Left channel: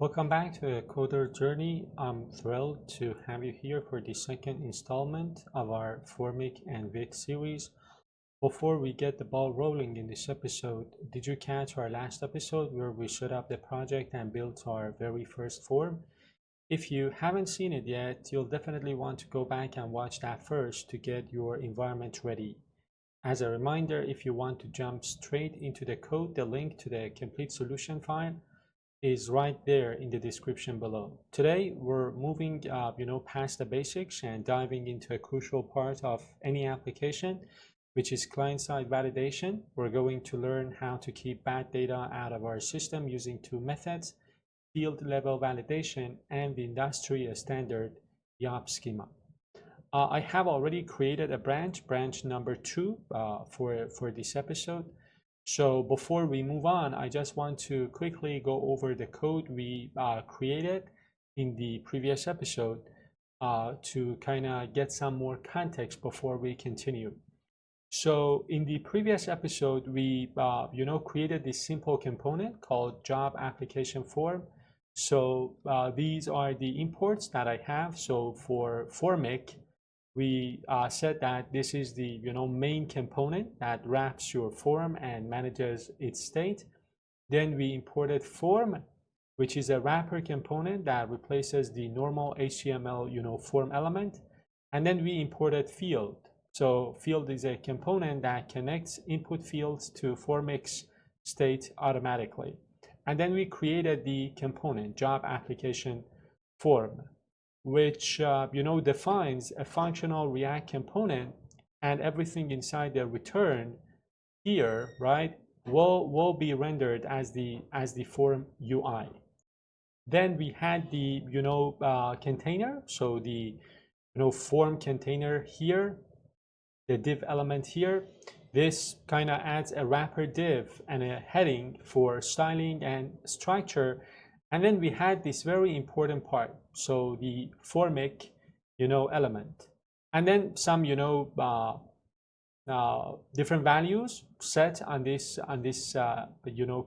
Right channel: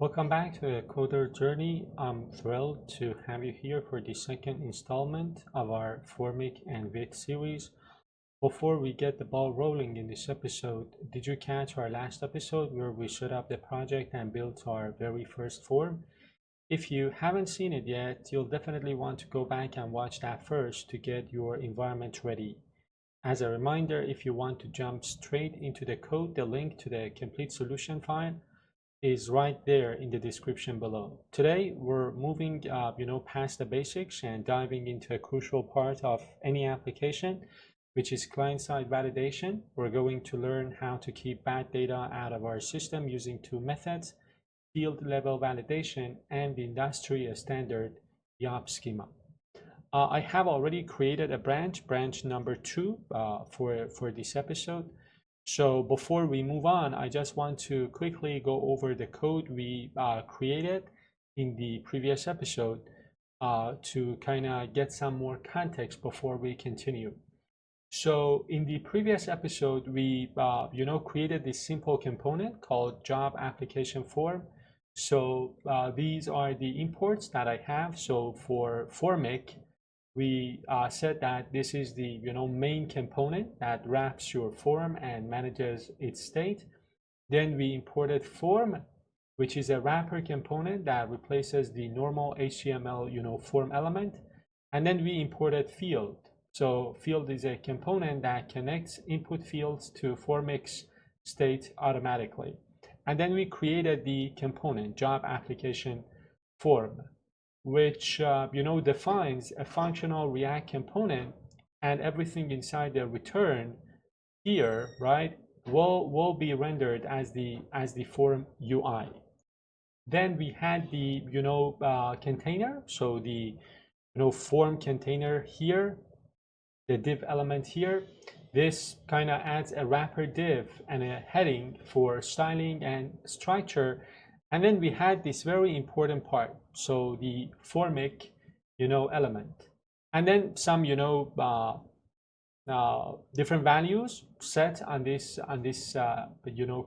Welcome back to the Coder Journey. I'm thrilled to have you here for the second installment of our Formik and Yup series. Before we get the ball rolling in this episode, did you catch our last episode where we set up the project and built our very first form? If you haven't seen it yet, you'll definitely want to go back and watch that first to get your environment ready. As a reminder, if you want to jump straight into the code, the link to the complete solution file is right there in the description below. Today, we're moving past the basics and diving into a crucial part of any application, which is client-side validation. We're going to learn how to keep bad data out of our system using two methods: field level validation and the industry standard Yup schema. I have already created a branch number 2 for this episode. So before we move on, I just want to quickly go over the code we created in the previous episode to kind of get some more context before we continue. So in the previous episode, we created this simple component called job application form. So these are the imports that I have. So for Formik, we said that this is the main component that wraps your form and manages its state. Then we imported form, which is a wrapper component that replaces the normal HTML form element. And then we imported field. So field is a component that connects input fields to Formik's state automatically. And then we created the component job application form, which defines a functional React component, and everything inside the return here, right, will be rendered as the form UI. Then we had the container, so the form container here, the div element here. This kind of adds a wrapper div and a heading for styling and structure. And then we had this very important part, so the Formik, element, and then some, different values set on this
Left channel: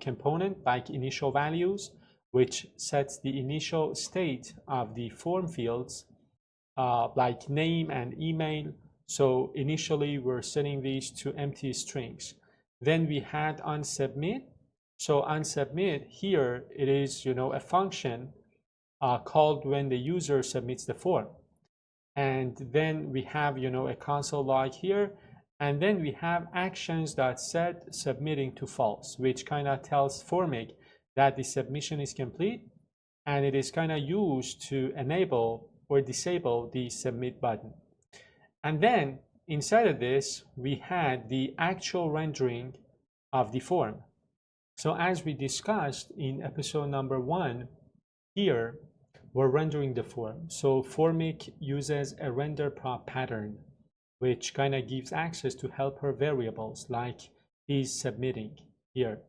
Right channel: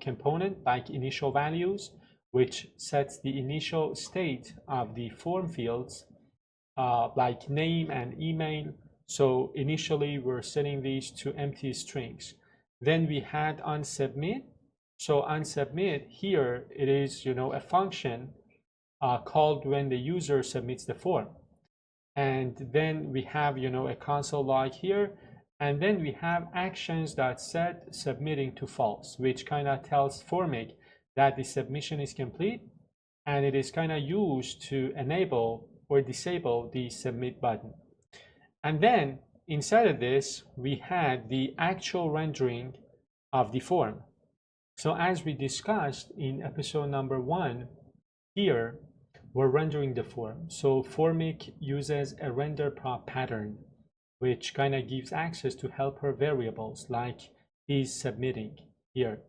component, like initial values, which sets the initial state of the form fields, like name and email. So initially, we're setting these to empty strings. Then we had onSubmit. So onSubmit here, it is a function called when the user submits the form. And then we have a console log here, and then we have actions.set submitting to false, which kind of tells Formik that the submission is complete, and it is kind of used to enable or disable the submit button. And then inside of this, we had the actual rendering of the form. So as we discussed in episode number 1, here we're rendering the form. So Formik uses a render prop pattern, which kind of gives access to helper variables like is submitting here.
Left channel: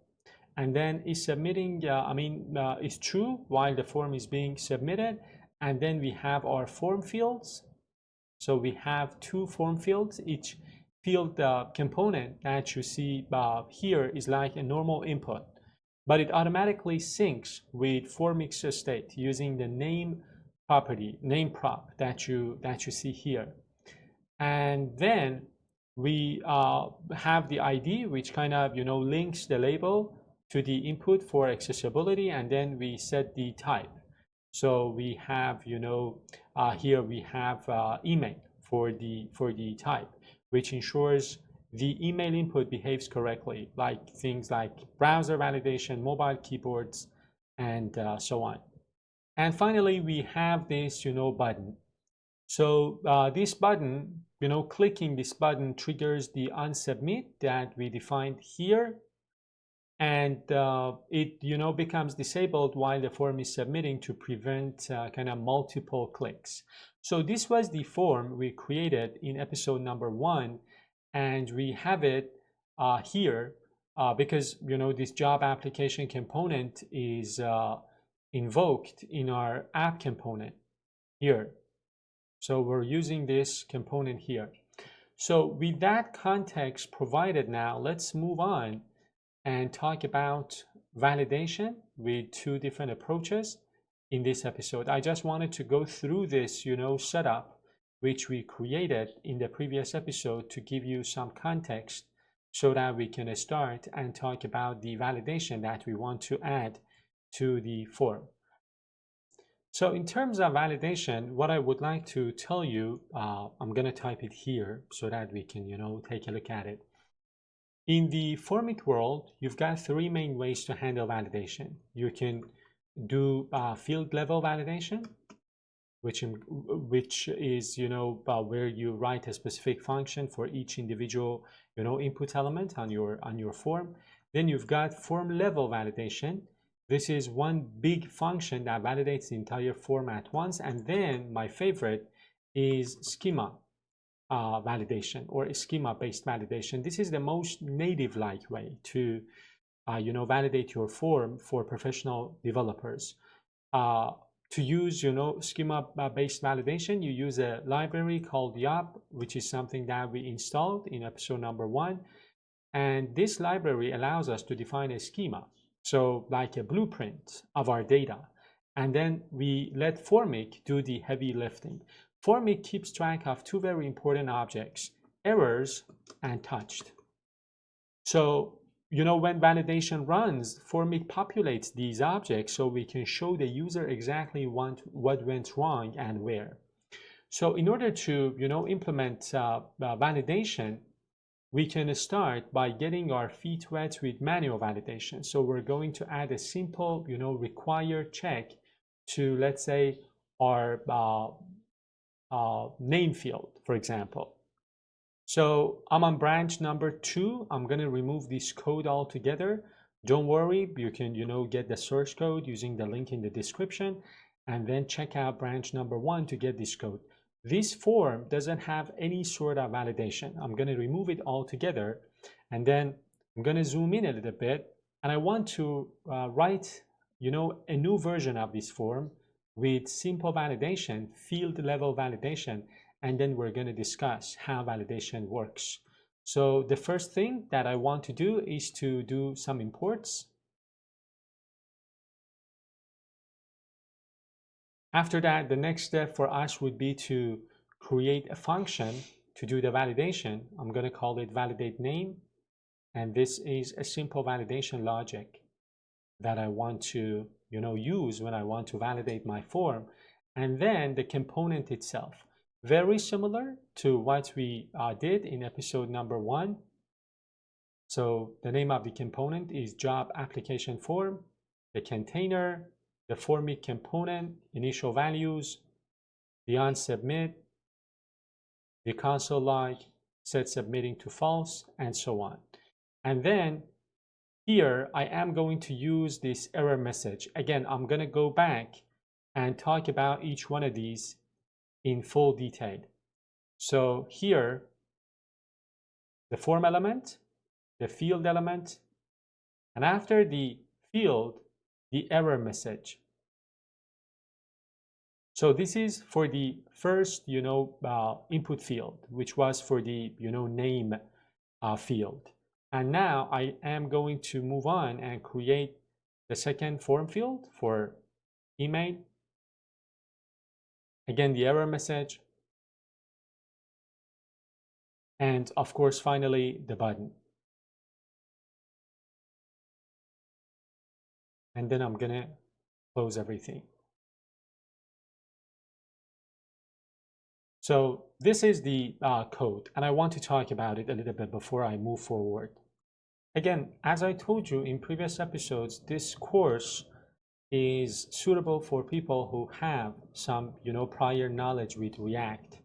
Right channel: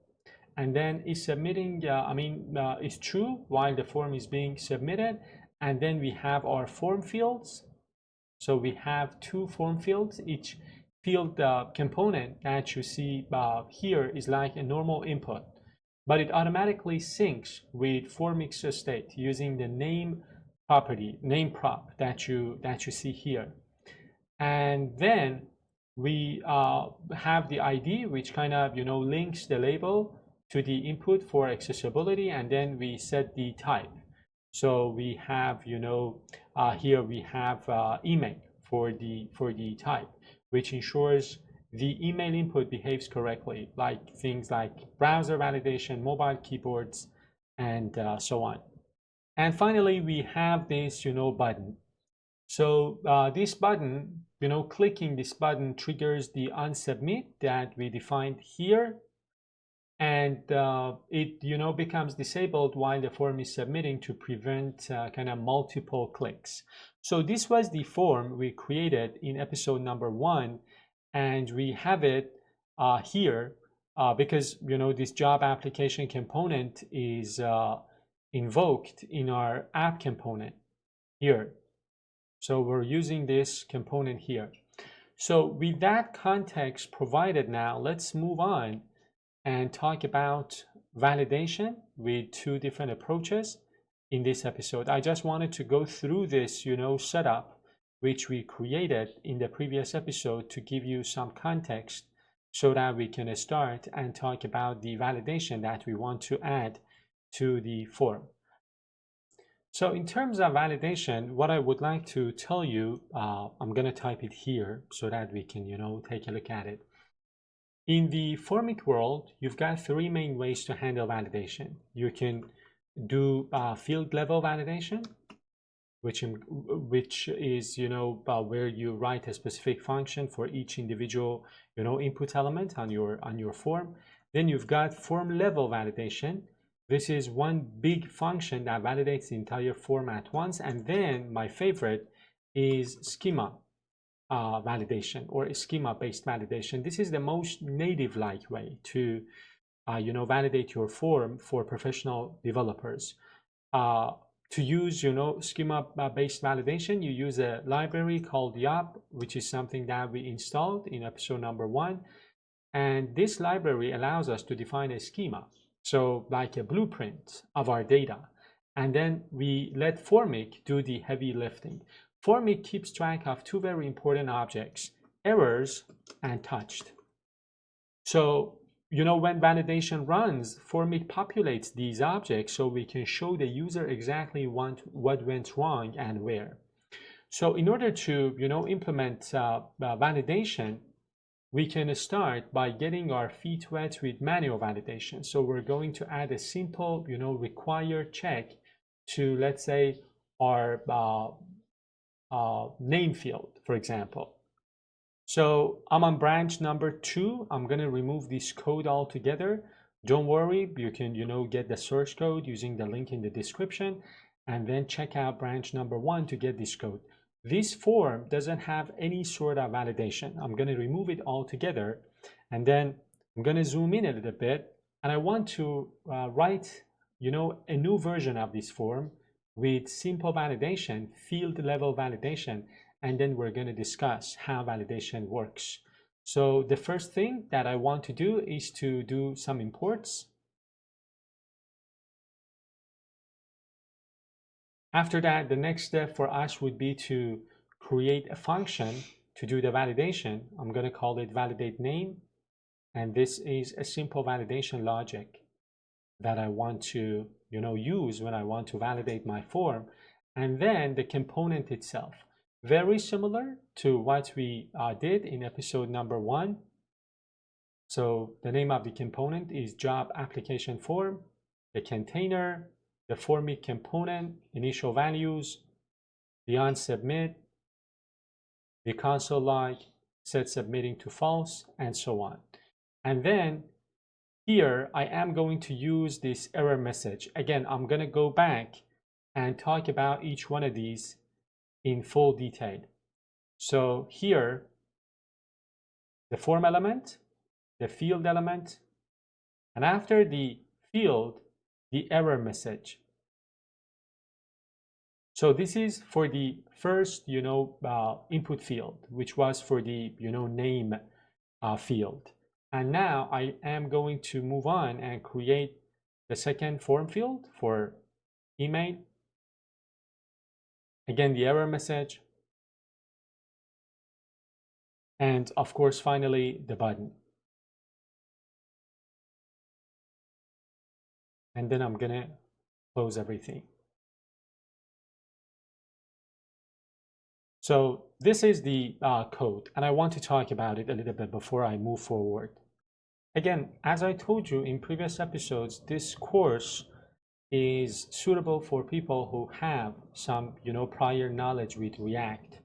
And then is submitting, is true while the form is being submitted. And then we have our form fields. So we have 2 form fields. Each field component that you see here is like a normal input, but it automatically syncs with Formik's state using the name property, name prop that you see here. And then we have the ID, which kind of links the label to the input for accessibility, and then we set the type. So we have here we have email for the type, which ensures the email input behaves correctly, like things like browser validation, mobile keyboards, and so on. And finally, we have this button. So this button, clicking this button triggers the onSubmit that we defined here, and it becomes disabled while the form is submitting to prevent kind of multiple clicks. So this was the form we created in episode number 1, and we have it here because this job application component is invoked in our app component here. So we're using this component here. So with that context provided, now let's move on and talk about validation with 2 different approaches. in this episode. I just wanted to go through this, setup which we created in the previous episode to give you some context so that we can start and talk about the validation that we want to add to the form. So in terms of validation, what I would like to tell you, I'm going to type it here so that we can, take a look at it. In the Formik world, you've got three main ways to handle validation. You can do field level validation, which is where you write a specific function for each individual input element on your form. Then you've got form level validation. This is one big function that validates the entire form at once. And then my favorite is schema validation or schema-based validation. This is the most native-like way to validate your form for professional developers. To use schema-based validation, you use a library called Yup, which is something that we installed in episode number 1. And this library allows us to define a schema, so like a blueprint of our data. And then we let Formik do the heavy lifting. Formik keeps track of two very important objects, errors and touched. So when validation runs, Formik populates these objects so we can show the user exactly what went wrong and where. So in order to implement validation, we can start by getting our feet wet with manual validation. So we're going to add a simple required check to, let's say, our name field, for example. So I'm on branch number 2. I'm going to remove this code altogether. Don't worry, you can get the source code using the link in the description, and then check out branch number 1 to get this code. This form doesn't have any sort of validation. I'm going to remove it altogether, and then I'm going to zoom in a little bit, and I want to write a new version of this form with simple validation, field level validation, and then we're going to discuss how validation works. So the first thing that I want to do is to do some imports. After that, the next step for us would be to create a function to do the validation. I'm going to call it validate name, and this is a simple validation logic that I want to use when I want to validate my form. And then the component itself, very similar to what we did in episode number 1. So the name of the component is job application form, the container, the Formik component, initial values, the onSubmit, the console log, set submitting to false, and so on. And then here I am going to use this error message. Again, I'm going to go back and talk about each one of these in full detail. So here, the form element, the field element, and after the field, the error message. So this is for the first, input field, which was for the, name field. And now I am going to move on and create the second form field for email. Again, the error message. And of course, finally, the button. And then I'm going to close everything. So this is the code, and I want to talk about it a little bit before I move forward. Again, as I told you in previous episodes, this course is suitable for people who have some, prior knowledge with React.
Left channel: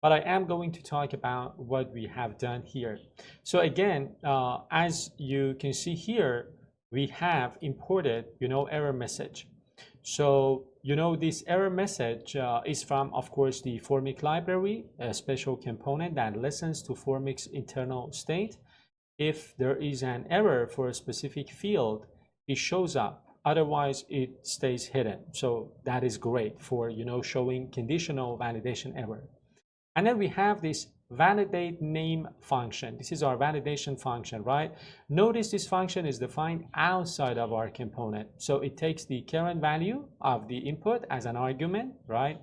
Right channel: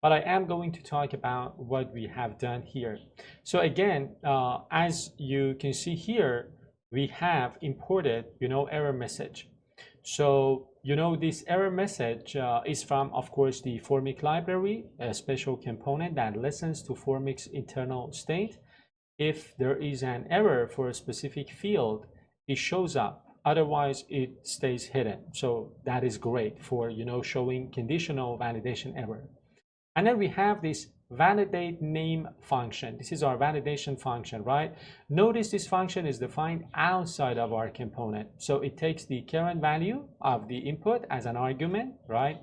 But I am going to talk about what we have done here. So again, as you can see here, we have imported, error message. So, this error message is from, of course, the Formik library, a special component that listens to Formik's internal state. If there is an error for a specific field, it shows up. Otherwise, it stays hidden. So that is great for, showing conditional validation error. And then we have this validate name function. This is our validation function, right? Notice this function is defined outside of our component. So it takes the current value of the input as an argument, right?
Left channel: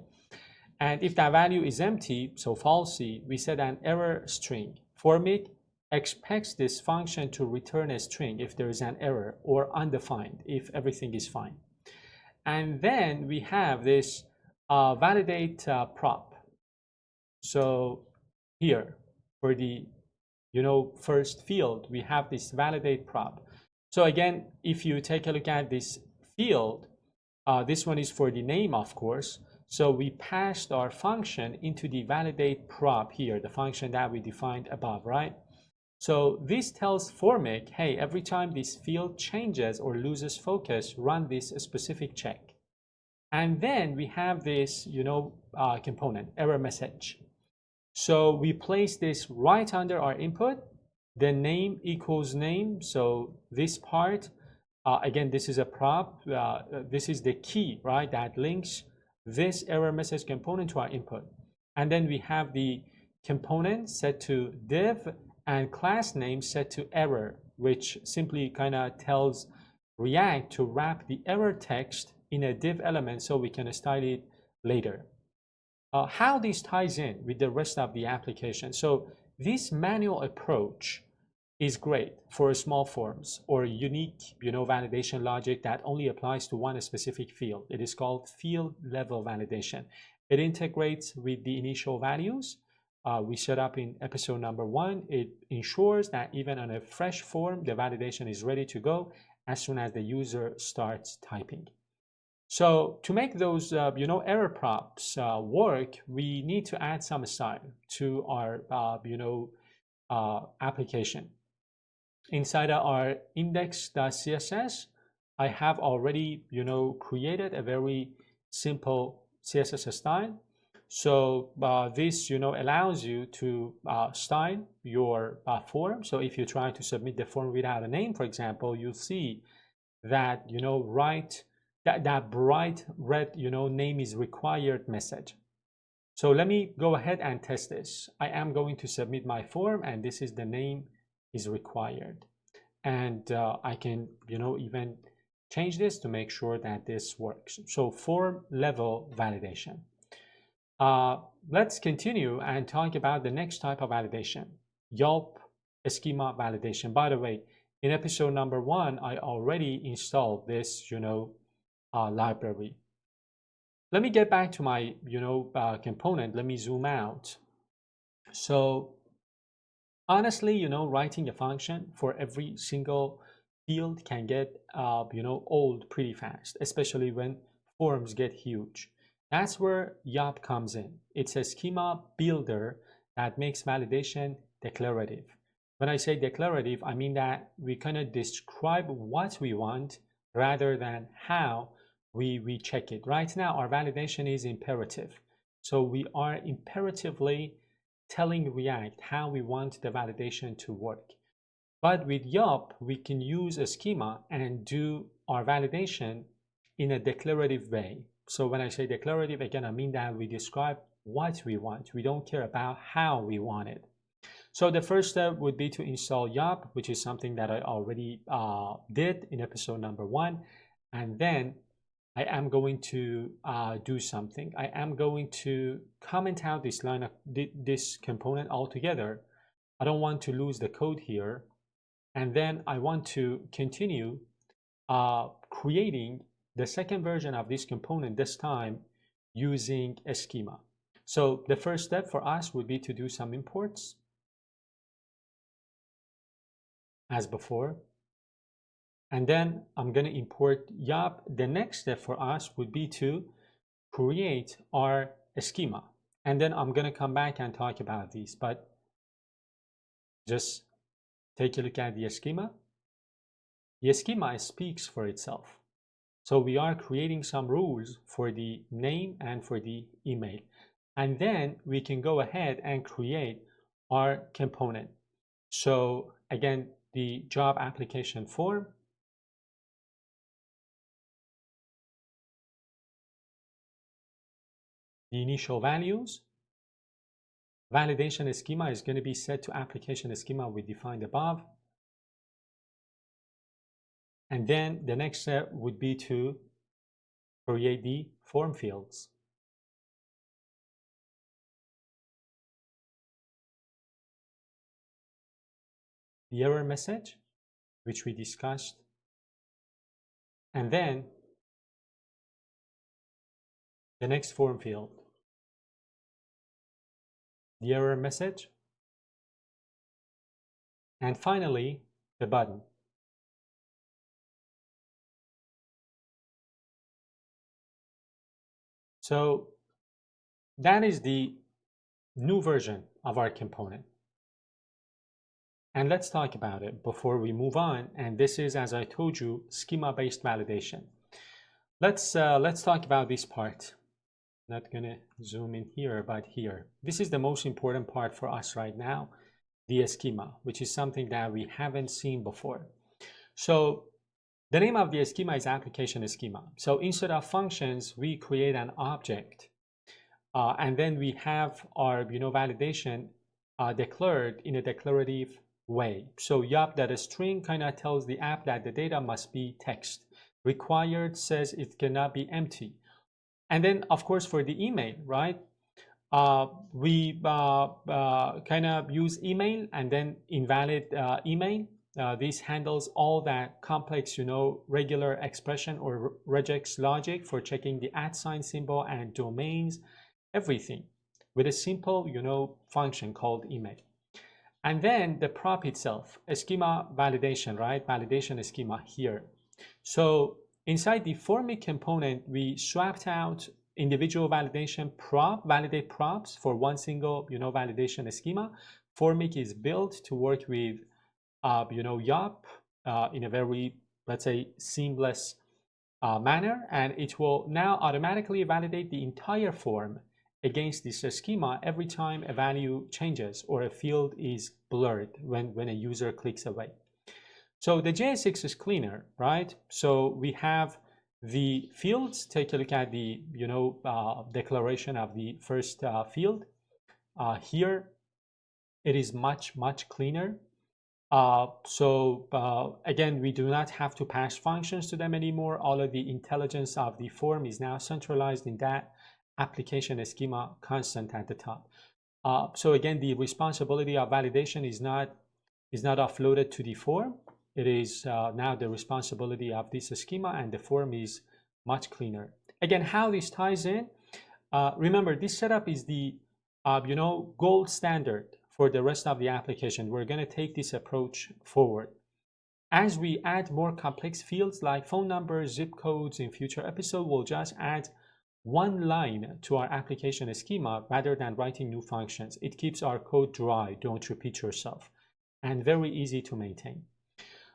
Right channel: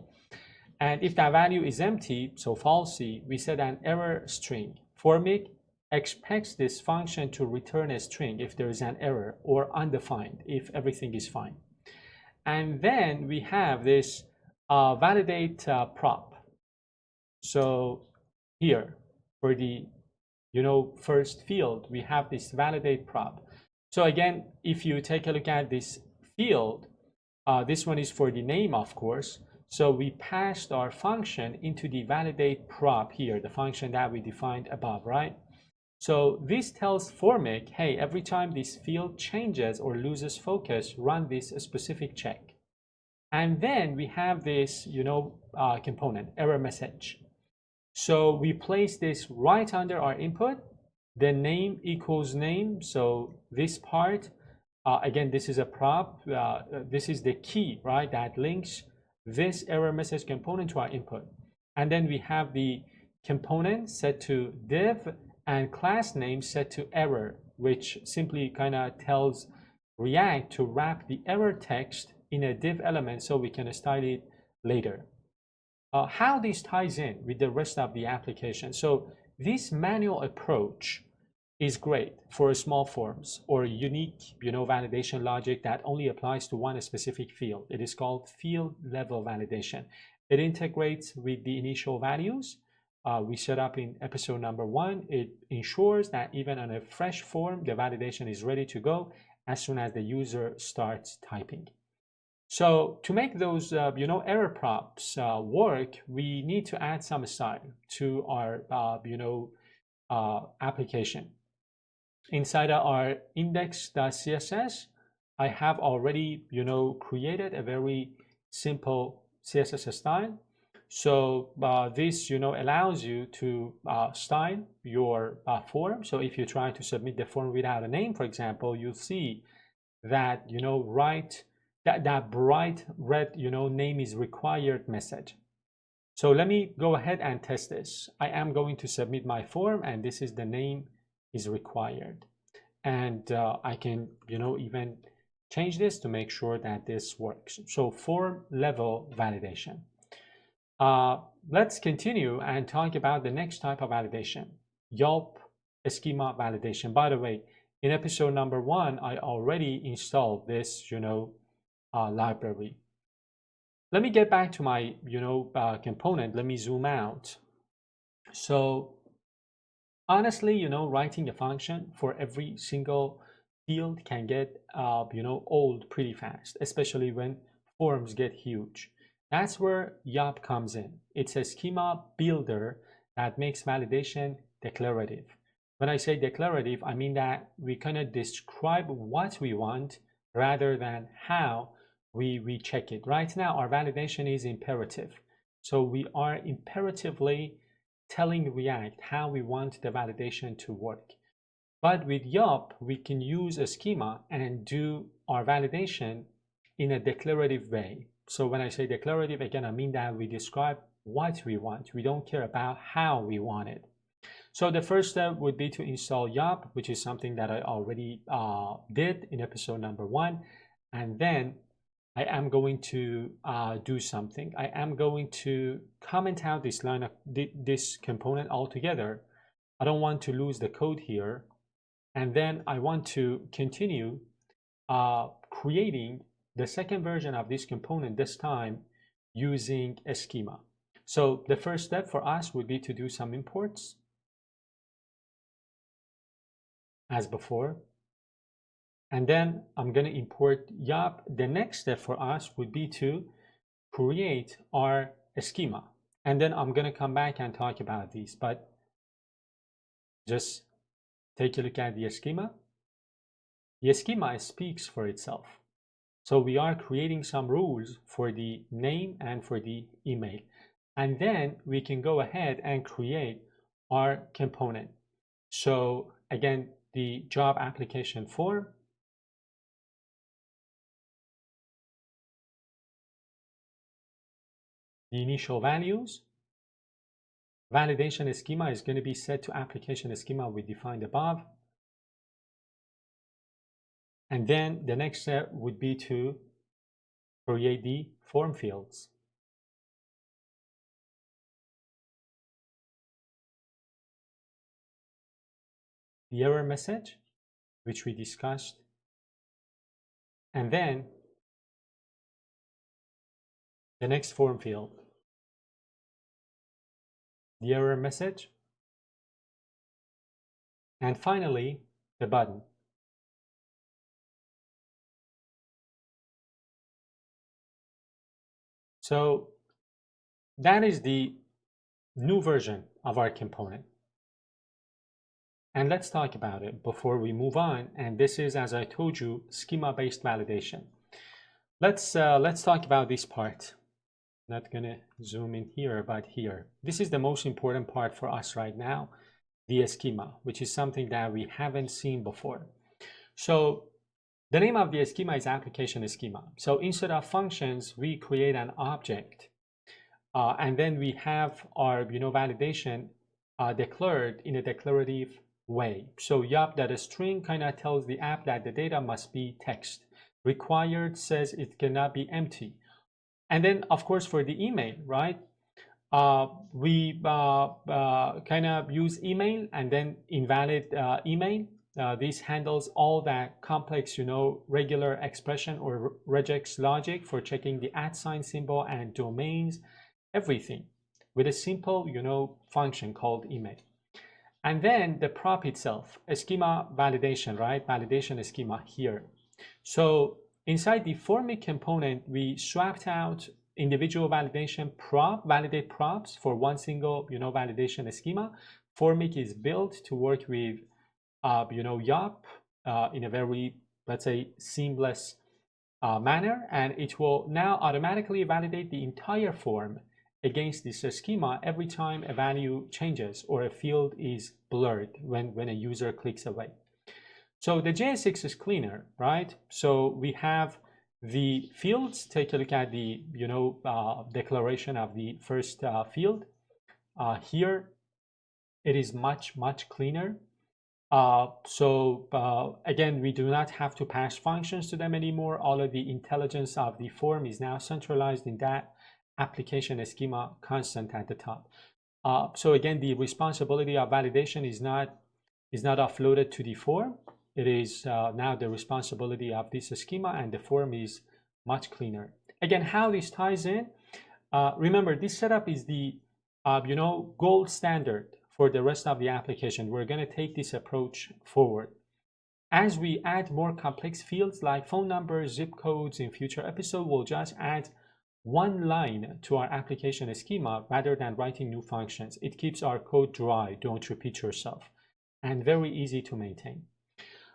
And if that value is empty, so falsy, we set an error string. Formik expects this function to return a string if there is an error, or undefined if everything is fine. And then we have this validate prop. So here for the first field, we have this validate prop. So again, if you take a look at this field, this one is for the name, of course. So we passed our function into the validate prop here, the function that we defined above, right? So this tells Formik, hey, every time this field changes or loses focus, run this specific check. And then we have this, component, error message. So we place this right under our input, the name equals name. So this part, again, this is a prop. This is the key, right, that links this error message component to our input. And then we have the component set to div and class name set to error, which simply kind of tells React to wrap the error text in a div element so we can style it later. How this ties in with the rest of the application. So this manual approach is great for small forms or unique, validation logic that only applies to one specific field. It is called field level validation. It integrates with the initial values we set up in episode number 1. It ensures that even on a fresh form, the validation is ready to go as soon as the user starts typing. So to make those, error props work, we need to add some style to our, application. Inside of our index.css, I have already, created a very simple CSS style. So this, allows you to style your form. So if you try to submit the form without a name, for example, you'll see that, that bright red, name is required message. So let me go ahead and test this. I am going to submit my form, and this is the name is required. And I can, even change this to make sure that this works. So form level validation. Let's continue and talk about the next type of validation, Yup schema validation. By the way, in episode number 1, I already installed this, library. Let me get back to my, component. Let me zoom out. So honestly, writing a function for every single field can get, old pretty fast, especially when forms get huge. That's where Yup comes in. It's a schema builder that makes validation declarative. When I say declarative, I mean that we kind of describe what we want rather than how we check it. Right now, our validation is imperative. So we are imperatively telling React how we want the validation to work. But with Yup, we can use a schema and do our validation in a declarative way. So when I say declarative, again, I mean that we describe what we want. We don't care about how we want it. So the first step would be to install Yup, which is something that I already did in episode number 1. And then I am going to do something. I am going to comment out this line of this component altogether. I don't want to lose the code here. And then I want to continue creating the second version of this component, this time using a schema. So the first step for us would be to do some imports as before. And then I'm going to import Yup. The next step for us would be to create our schema. And then I'm going to come back and talk about these, but just take a look at the schema. The schema speaks for itself. So we are creating some rules for the name and for the email. And then we can go ahead and create our component. So again, the job application form, the initial values, validation schema is going to be set to application schema we defined above. And then the next step would be to create the form fields. The error message, which we discussed, and then the next form field, the error message, and finally the button. So that is the new version of our component. And let's talk about it before we move on. And this is, as I told you, schema-based validation. Let's talk about this part. Not gonna zoom in here, but here. This is the most important part for us right now, the schema, which is something that we haven't seen before. So the name of the schema is application schema. So instead of functions, we create an object, and then we have our validation declared in a declarative way. So yup, that a string kind of tells the app that the data must be text. Required says it cannot be empty. And then, of course, for the email, right? We kind of use email and then invalid email. This handles all that complex, regular expression or regex logic for checking the @ symbol and domains, everything with a simple, function called email. And then the prop itself, a schema validation, right? Validation schema here. So inside the Formik component, we swapped out individual validation validate props for one single, validation schema. Formik is built to work with, Yup in a very, let's say, seamless manner, and it will now automatically validate the entire form against this schema every time a value changes or a field is blurred when a user clicks away. So the JSX is cleaner, right? So we have the fields. Take a look at the declaration of the first field. Here it is much cleaner. Again, we do not have to pass functions to them anymore. All of the intelligence of the form is now centralized in that application schema constant at the top. So again, the responsibility of validation is not offloaded to the form. It is now the responsibility of this schema, and the form is much cleaner. Again, how this ties in, remember, this setup is the gold standard for the rest of the application. We're going to take this approach forward. As we add more complex fields like phone numbers, zip codes in future episode, we'll just add one line to our application schema rather than writing new functions. It keeps our code dry, don't repeat yourself, and very easy to maintain.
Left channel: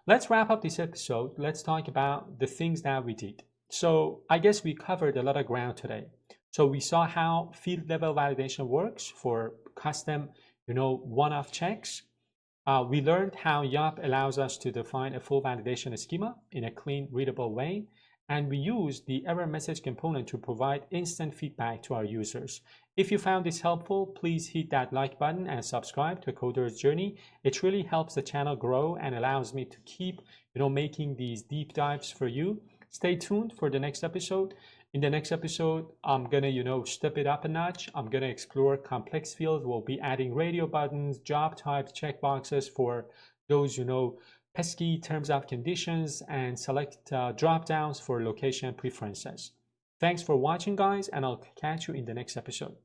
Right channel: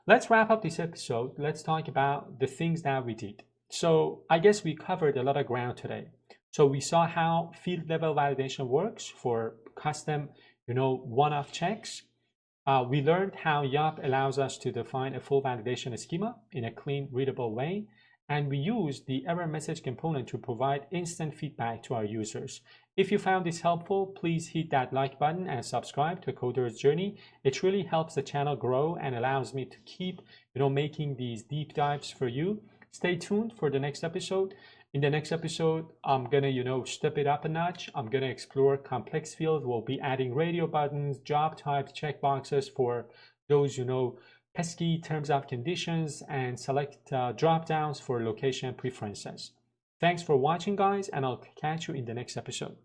Let's wrap up this episode. Let's talk about the things that we did. So I guess we covered a lot of ground today. So we saw how field level validation works for custom, one-off checks. We learned how Yup allows us to define a full validation schema in a clean, readable way. And we use the error message component to provide instant feedback to our users. If you found this helpful, please hit that like button and subscribe to Coder's Journey. It really helps the channel grow and allows me to keep, making these deep dives for you. Stay tuned for the next episode. In the next episode, I'm gonna, step it up a notch. I'm gonna explore complex fields. We'll be adding radio buttons, job types, checkboxes for those, pesky terms of conditions, and select drop downs for location preferences. Thanks for watching, guys, and I'll catch you in the next episode.